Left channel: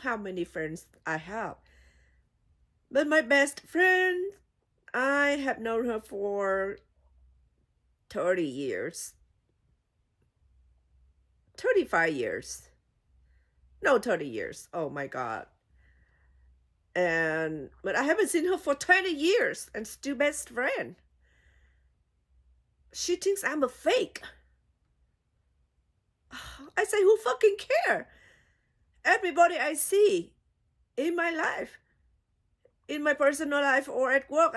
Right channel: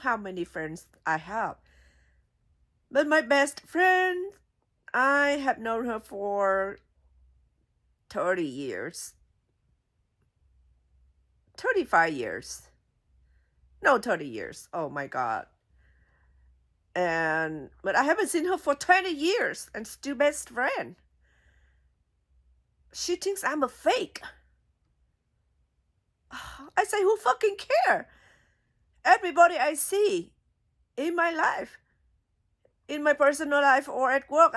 how many friends I have. But my best friend, I have known her for 30 years. 35 years. No, 30 years. Oh my God. But I haven't seen her for 20 years and still best friend. She thinks I'm a fake. I say, who fucking care? Everybody I see in my life, in my personal life or at work,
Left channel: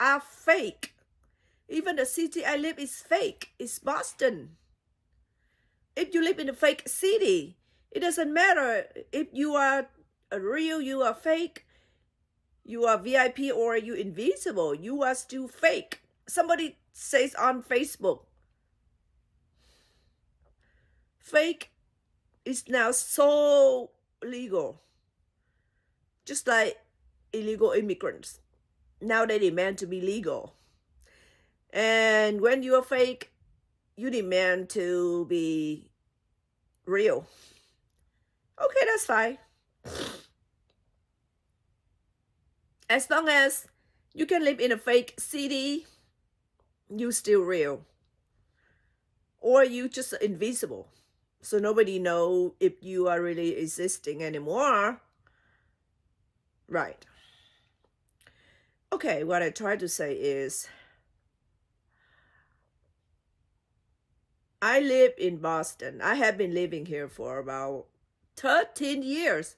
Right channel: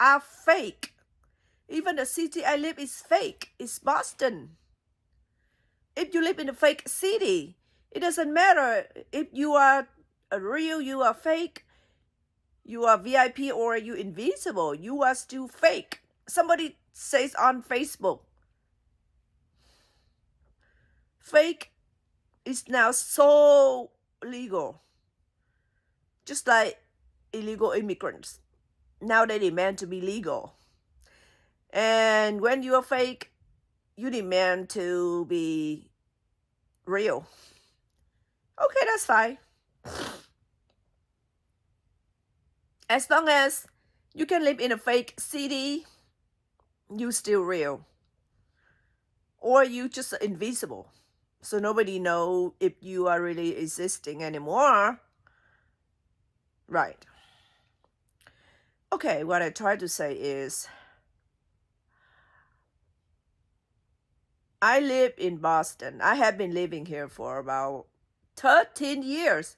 are fake. Even the city I live is fake. It's Boston. If you live in a fake city, it doesn't matter if you are real, you are fake, you are VIP or you invisible, you are still fake. Somebody says on Facebook, fake is now so legal. Just like illegal immigrants. Now they demand to be legal. And when you are fake, you demand to be real. Okay, that's fine. As long as you can live in a fake city, you still real. Or you just invisible. So nobody know if you are really existing anymore. Right. Okay, what I try to say is, I live in Boston. I have been living here for about 13 years.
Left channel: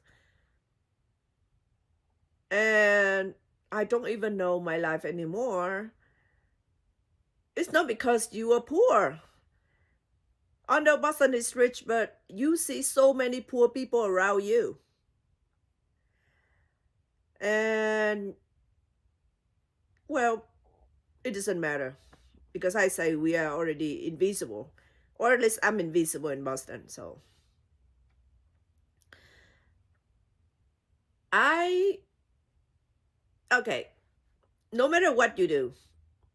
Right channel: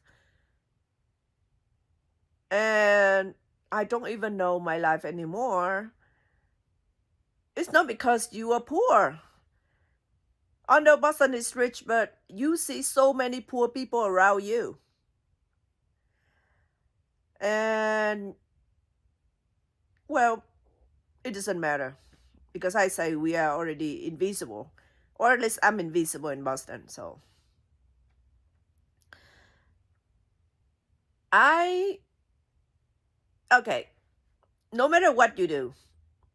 And I don't even know my life anymore. It's not because you are poor. I know Boston is rich, but you see so many poor people around you. And, well, it doesn't matter. Because I say we are already invisible. Or at least I'm invisible in Boston, so. Okay, no matter what you do,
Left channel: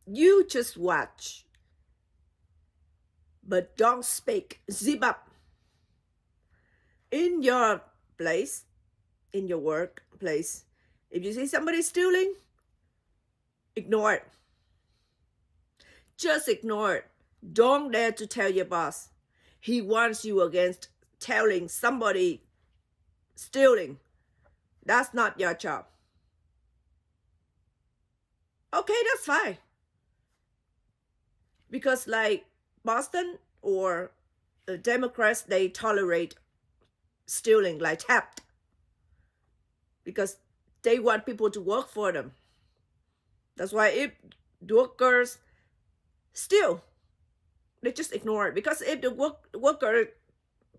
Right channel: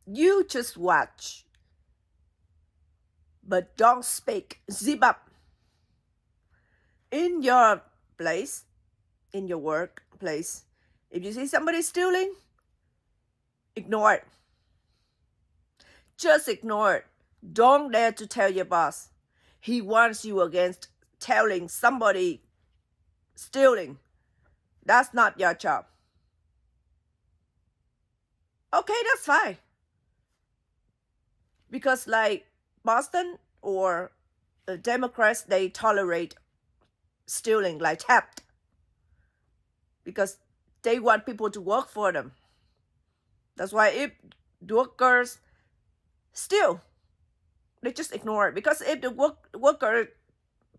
you just watch. But don't speak. Zip up. In your place, in your workplace, if you see somebody stealing, ignore it. Just ignore it. Don't dare to tell your boss. He wants you against telling somebody stealing. That's not your job. Okay, that's fine. Because like Boston or the Democrats, they tolerate stealing like theft. Because they want people to work for them. That's why if workers steal, they just ignore it. Because if the worker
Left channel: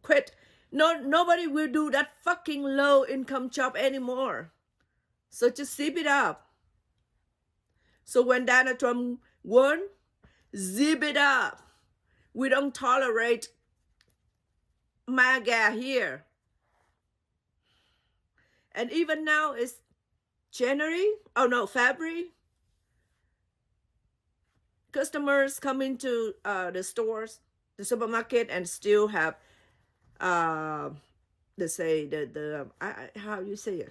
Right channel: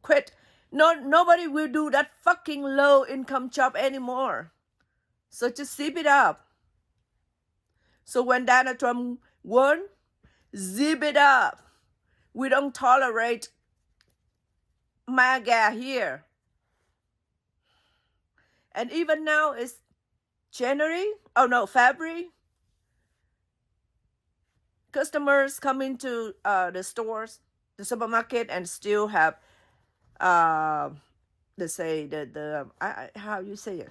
quit, nobody will do that fucking low income job anymore. So just zip it up. So when Donald Trump won, zip it up. We don't tolerate MAGA here. And even now it's February. Customers come into the stores, the supermarket, and still have, they say how you say it?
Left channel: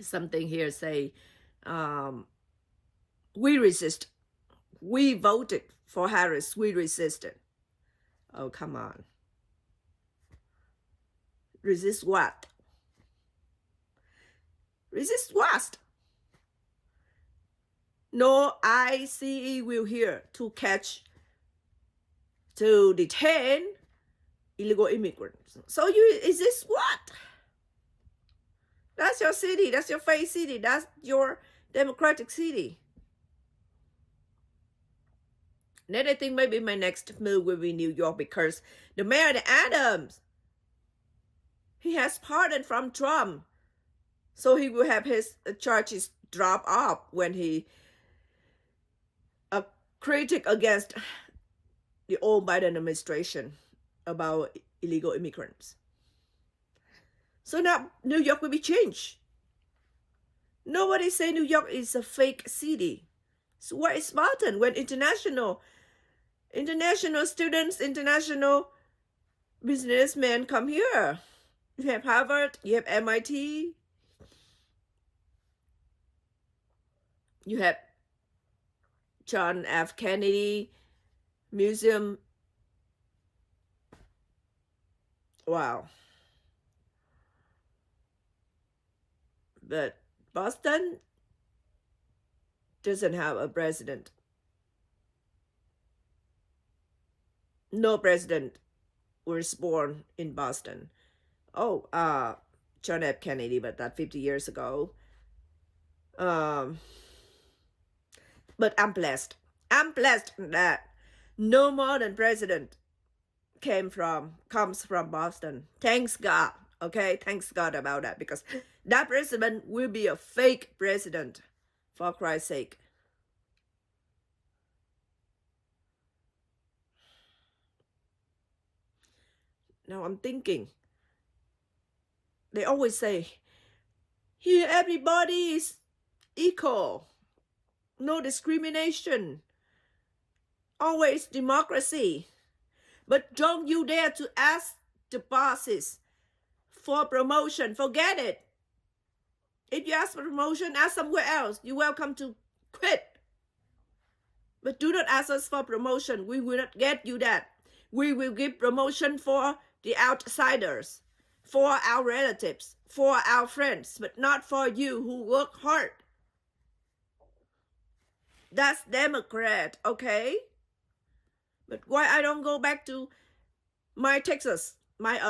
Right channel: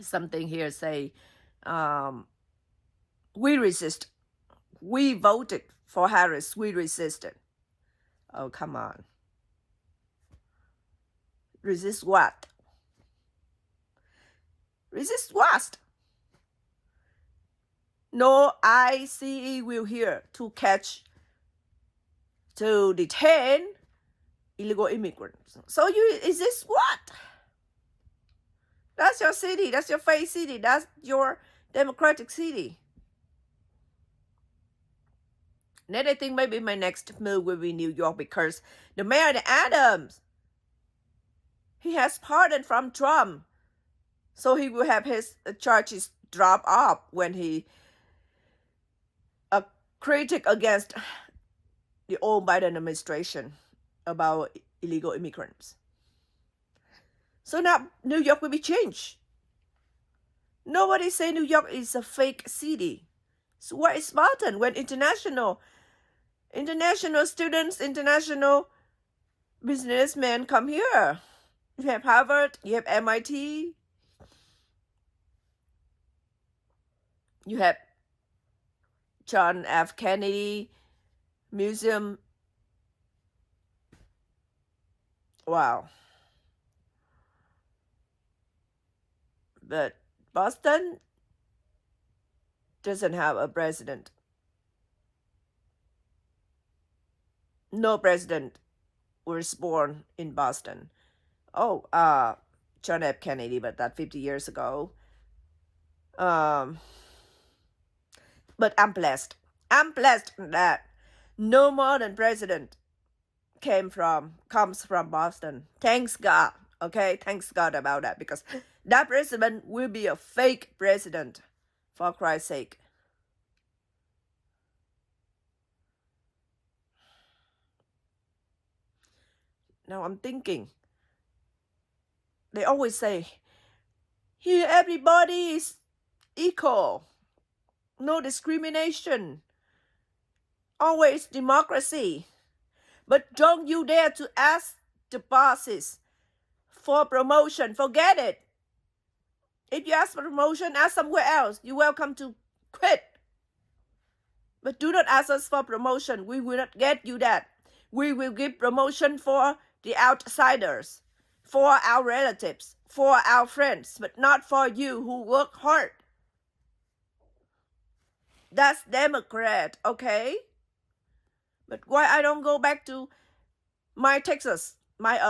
Something here say, we resist. We voted for Harris. We resisted. Oh, come on. Resist what? Resist what? No ICE will here to detain illegal immigrants. So is this what? That's your city. That's your fake city. That's your democratic city. Then I think maybe my next move will be New York, because the mayor Adams, he has pardon from Trump. So he will have his charges drop off when he critic against the old Biden administration about illegal immigrants. So now New York will be changed. Nobody say New York is a fake city. So where is Boston when international students, international businessmen come here? You have Harvard, you have MIT, you have John F. Kennedy Museum. Wow. But Boston doesn't have a president. No president was born in Boston. Oh, John F. Kennedy, but that 50 years ago. But I'm blessed. I'm blessed that no modern president comes from Boston. Thanks God. Okay, thanks God about that, because that president will be a fake president, for Christ's sake. Now I'm thinking, they always say, here everybody is equal, no discrimination, always democracy. But don't you dare to ask the bosses for promotion. Forget it. If you ask for promotion, ask somewhere else. You're welcome to quit. But do not ask us for promotion. We will not get you that. We will give promotion for the outsiders, for our relatives, for our friends, but not for you who work hard. That's Democrat, okay? But why I don't go back to my Texas, my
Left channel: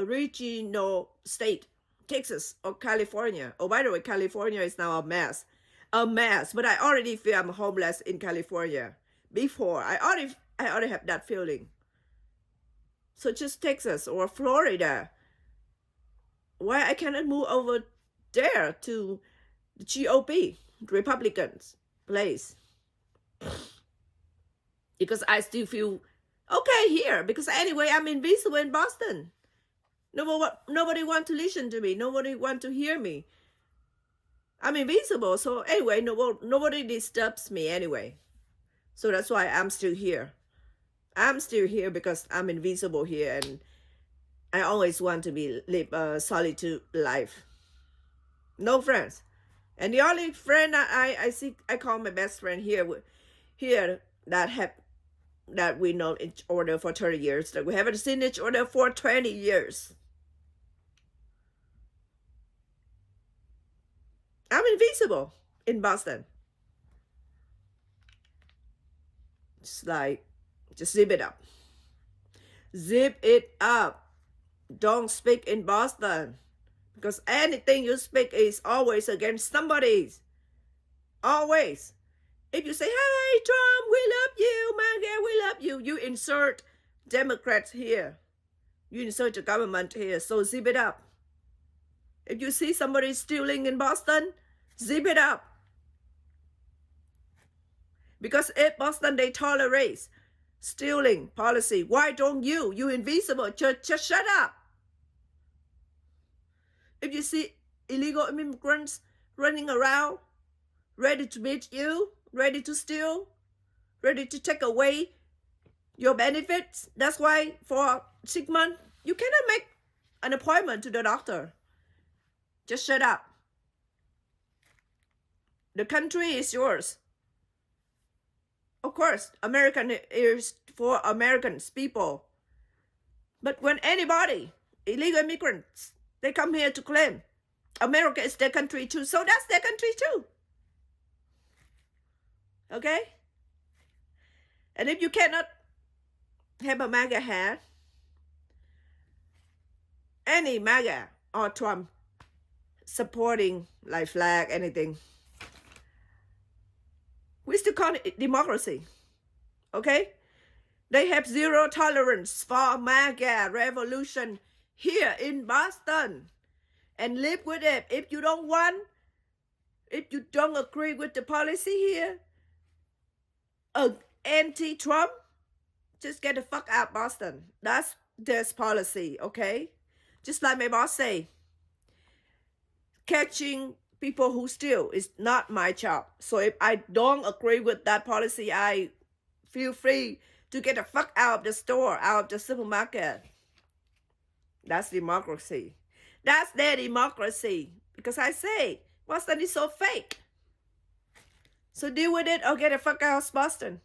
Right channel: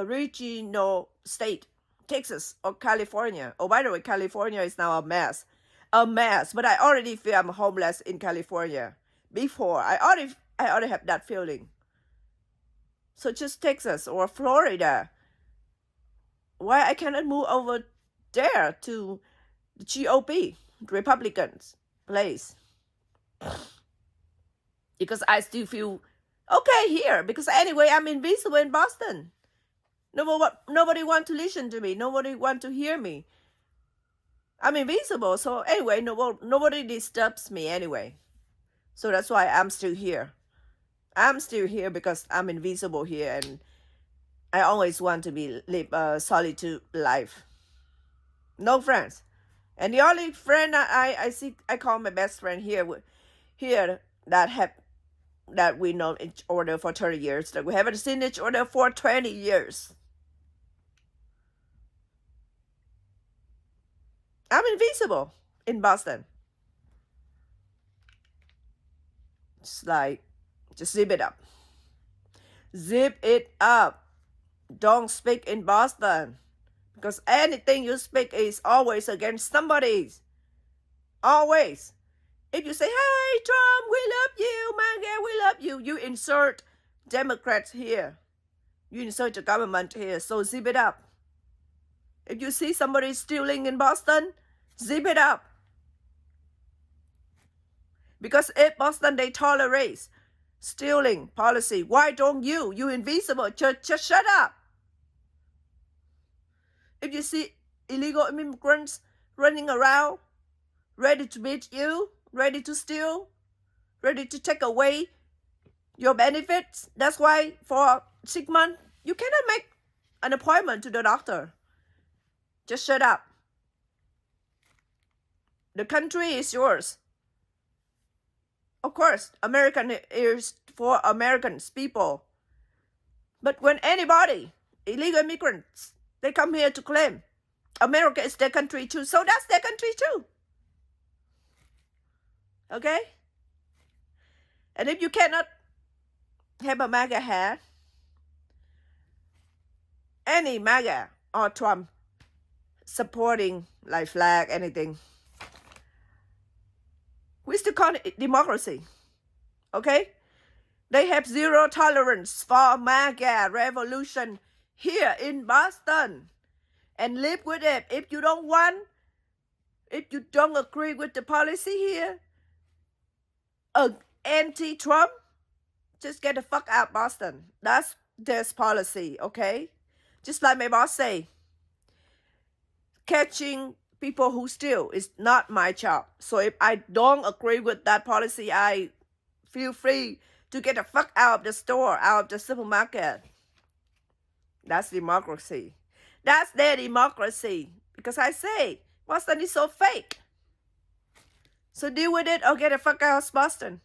original state, Texas or California? Oh, by the way, California is now a mess. A mess. But I already feel I'm homeless in California. Before, I already have that feeling. So just Texas or Florida. Why I cannot move over there to the GOP, Republicans place? Because I still feel okay here. Because anyway, I'm invisible in Boston. Nobody want to listen to me. Nobody want to hear me. I'm invisible. So anyway, nobody disturbs me anyway. So that's why I'm still here. I'm still here because I'm invisible here, and I always want to live a solitude life. No friends. And the only friend I call my best friend here that we know each other for 30 years, that we haven't seen each other for 20 years. I'm invisible in Boston. Just zip it up. Zip it up. Don't speak in Boston. Because anything you speak is always against somebody's. Always. If you say, hey, Trump, we love you, MAGA, we love you, you insert Democrats here. You insert the government here. So zip it up. If you see somebody stealing in Boston, zip it up. Because if Boston, they tolerate stealing policy, why don't you? You invisible. Just shut up. If you see illegal immigrants running around, ready to beat you, ready to steal, ready to take away your benefits, that's why for 6 months, you cannot make an appointment to the doctor. Just shut up. The country is yours. Of course, American is for Americans, people. But when anybody, illegal immigrants, they come here to claim America is their country too, so that's their country too. Okay? And if you cannot have a MAGA hat, any MAGA or Trump supporting like flag, anything, we still call it democracy. Okay? They have zero tolerance for MAGA revolution here in Boston. And live with it. If you don't agree with the policy here, anti-Trump, just get the fuck out of Boston. That's their policy, okay? Just like my boss say, catching people who steal is not my job. So if I don't agree with that policy, I feel free to get the fuck out of the store, out of the supermarket. That's democracy. That's their democracy. Because I say, Boston is so fake. So deal with it or get the fuck out of Boston.